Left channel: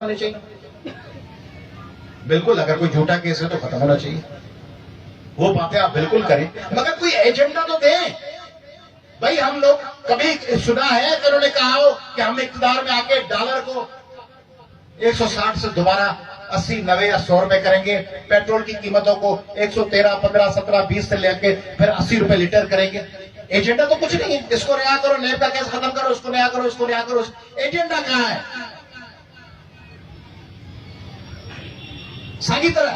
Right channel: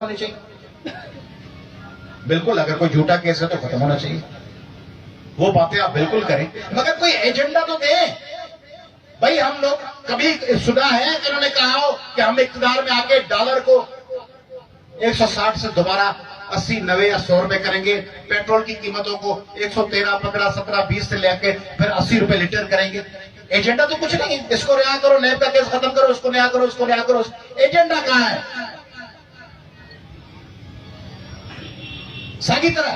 होने चाहिए। बिल्कुल, अगर कोई झूठा केस है तो खत्म होना चाहिए। वो बातें आप बिल्कुल करें, मगर कोई एजेंडा तो दें। भाई, हम लोग कभी सुना है कि उन्होंने कहा हो कि हम इक़्तिदार में आके डॉलर को 160 से दोबारा 80, 90 या 100 रुपए करेंगे, पेट्रोल की कीमतों को 113, 15, 17, 20 से लेके फिर 80 रुपए लीटर करेंगे। एजेंडा तो कुछ नहीं है। इसको रिहा करो, नैब का केस खत्म करो, इसको रिहा करो, इसको रिहा करो। एजेंडा कहां है? सागी तरह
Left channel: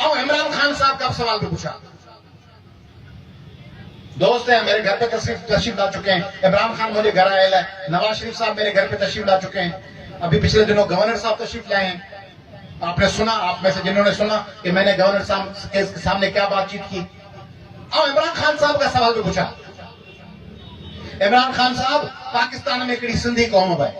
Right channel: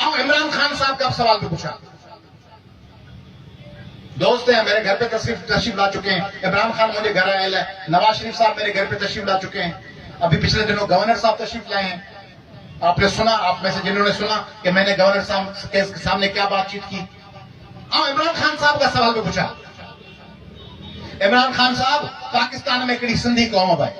और इमरान खान साहब का सवाल भी पूछा। दोस्त हैं, मेरे घर पे तशरीफ ला चुके हैं। इमरान खान मेरे घर आए हैं, नवाज शरीफ साहब मेरे घर पे तशरीफ ला चुके हैं। अभी पिछले दिनों गवर्नर साहब तशरीफ लाए हैं। आपने सुना, आप में से जिन्होंने सुना कि मैंने गवर्नर साहब के सामने क्या बातचीत की। और इमरान खान साहब का सवाल भी पूछा। इमरान खान साहब, पाकिस्तान में हिकिड़ी सिंधी क़ौम है,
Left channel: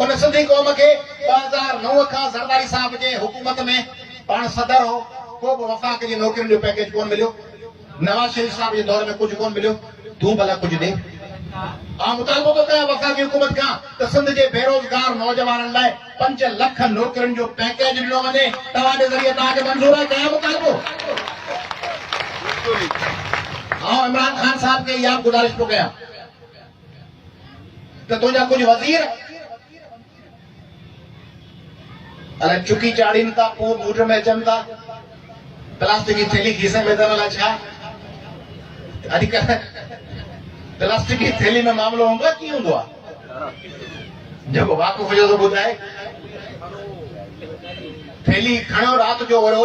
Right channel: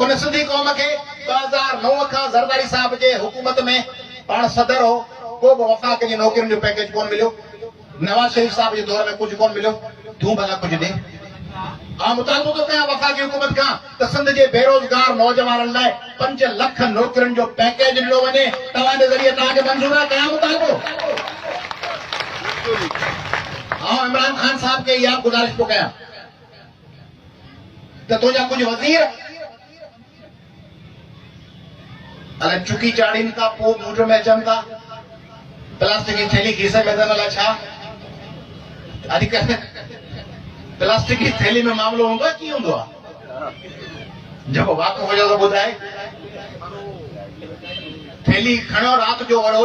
उन सिंधी क़ौम खे 2009 खां ज़रदारी साहब जे हुकूमत में पाण सदर हो, को बि वफ़ाक़ जी नौकरियुनि जो पैकेज कोन मिलियो। नवाज शरीफ साहब जे दौर में कुछ कोन मिलियो। तू भला कुछ दे। ऐं मुतालबो तो कयां वफ़ाक़ी हुकूमत खां त सिंध जे बेरोज़गार नौजवाननि लाइ 5 लख नौकरियुनि जो पैकेज ॾिनो वञे। तव्हां जे ज़रिए तव्हांखे मंज़ूर आहे? कयां मुतालबो? ऐं इमरान खान साहब खे इहा गुज़ारिश थो कयां त तुंहिंजा कुझु वज़ीर अलाए चुकी चाड़ीनि था, पोइ मूड में अचनि था, प्लास्टिक की थैली खीसे में अथनि। अलाए छा अॼुकल्ह प्लास्टिक की थैली में मामलो हूंदो आहे? कीअं हूंदो आहे? जेको वाक़ुफ़ हुजे तो ॿुधाए। थैली खणो राति जो वरो